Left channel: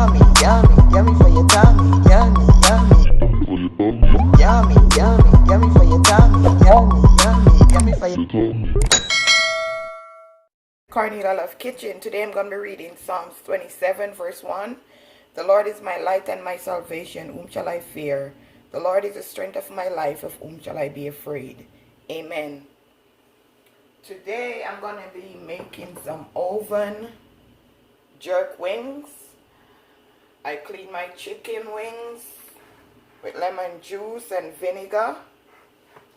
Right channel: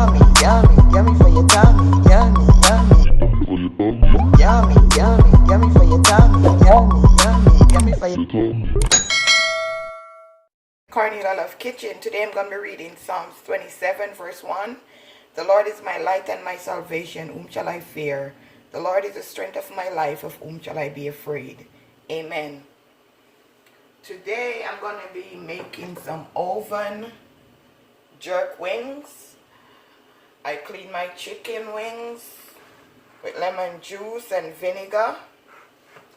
Yummy, yummy, yummy for your tummy. Yummy, yummy. Yummy, yummy, yummy for your tummy. Yummy, yummy, yummy for your tummy. Cornelialove Kitchen. Today I'm going to be reading Psalms 27 verse 1. The Lord is my light and my salvation. Whom shall I fear? The Lord is the strength of my life. Of whom shall I be afraid? Amen. Today I'm going to be making some oven jerk wings. I clean my chicken wings with lemon juice and vinegar.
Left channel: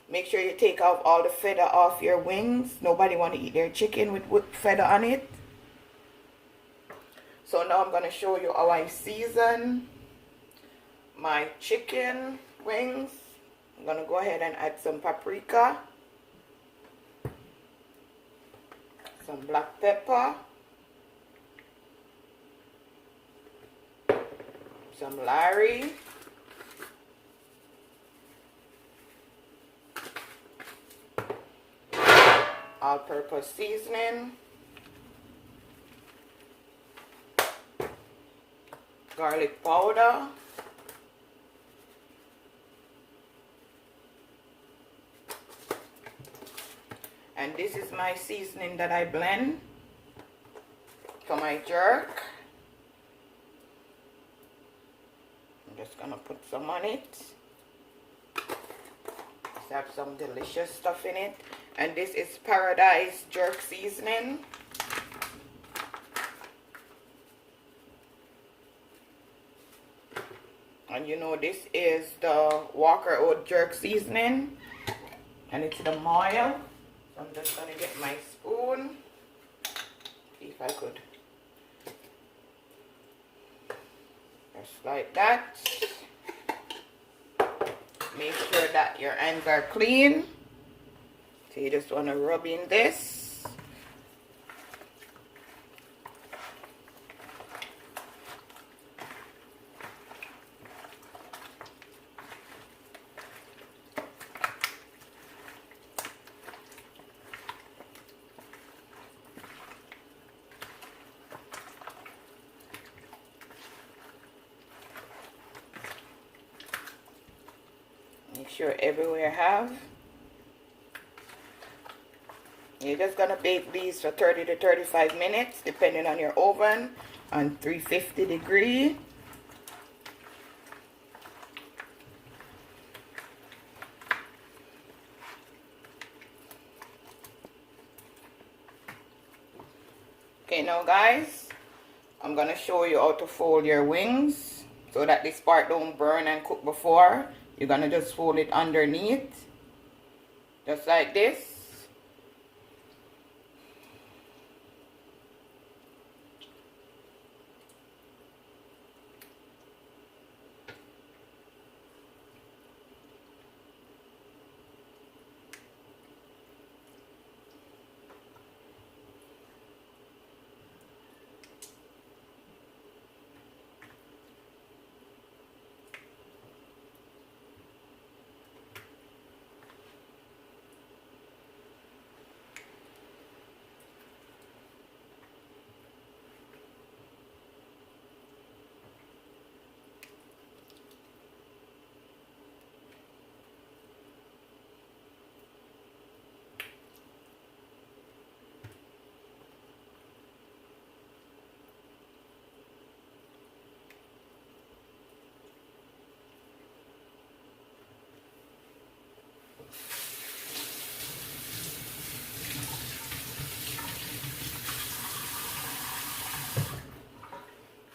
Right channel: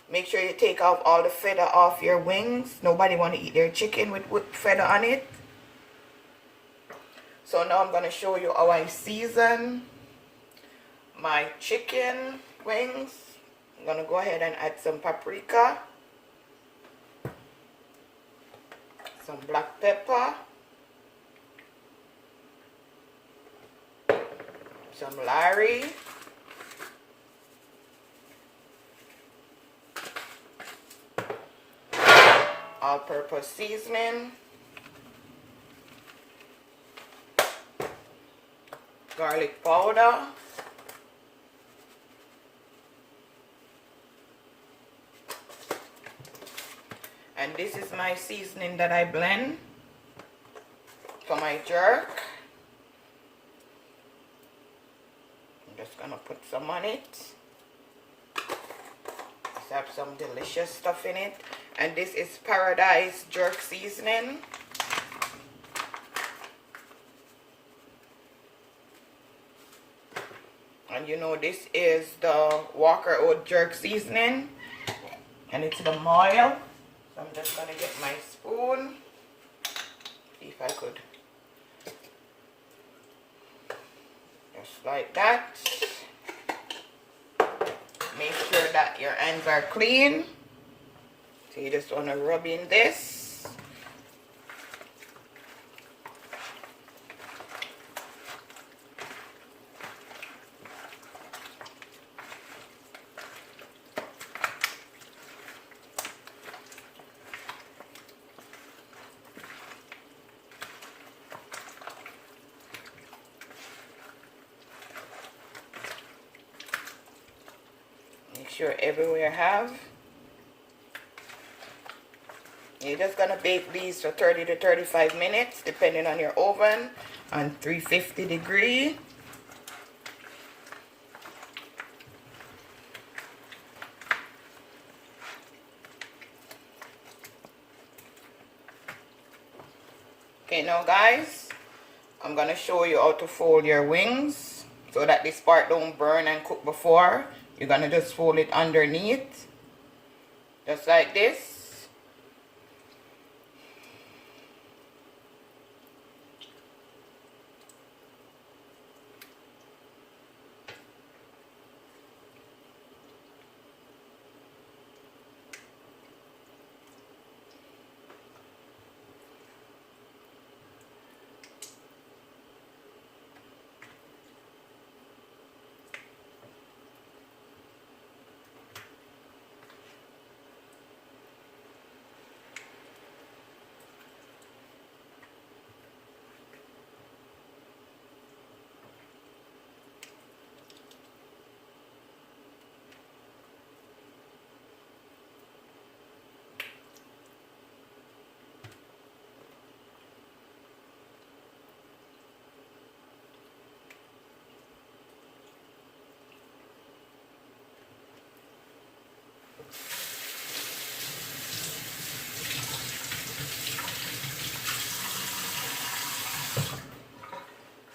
Make sure you take out all the feather off your wings. Nobody want to eat their chicken with feather on it. So now I'm going to show you how I season my chicken wings. I'm going to go ahead and add some paprika, some black pepper, some Larry, all-purpose seasoning, garlic powder, and this is my seasoning that I blend for my jerk. I'm just gonna put some on it. Let's have some delicious stuff in it. And this is Paradise Jerk Seasoning. And you know this is the Walker Oat Jerk Seasoning. And it's the Moyle. So I'm just gonna get my spoon. See if I could. Just like that. Make sure that your hands are clean. So you just want to rub in this. Make sure everywhere have. You're just gonna bake these for 30 to 35 minutes depending on your oven on 350 degree. Okay, now guys, I'm gonna show you how to fold your wings so that this part don't burn and cook before. You're gonna just fold it underneath, just like this.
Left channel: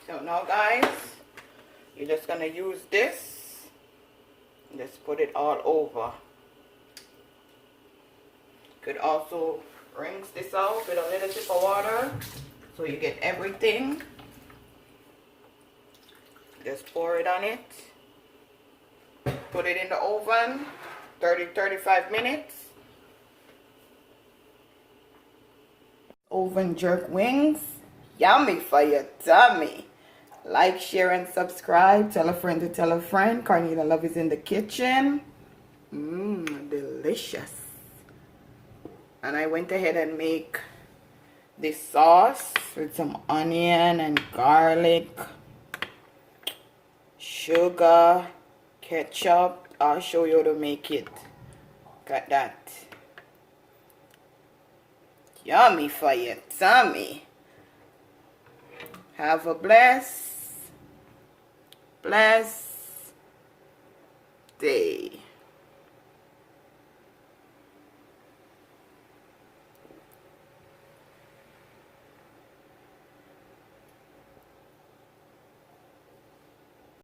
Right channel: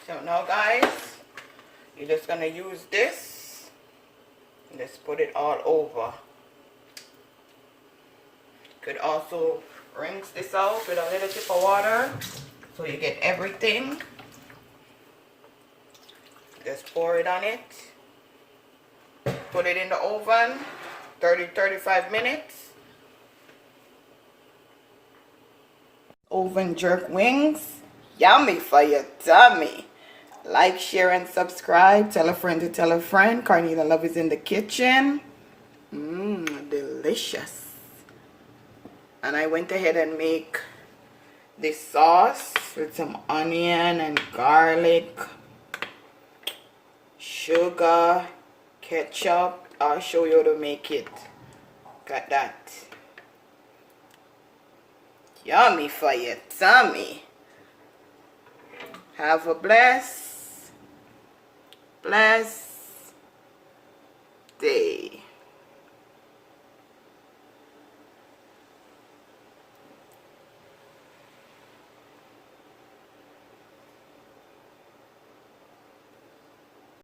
So now guys, you're just gonna use this and just put it all over. Could also rinse this out with a little tip of water so you get everything. Just pour it on it. Put it in the oven 30-35 minutes. Oven jerk wings, yummy for your tummy. Like, share, and subscribe. Tell a friend to tell a friend. Cornelialove is in the kitchen. Delicious. And I went ahead and make this sauce with some onion and garlic sugar, ketchup. I'll show you how to make it. Got that. Yummy for your tummy. Have a blessed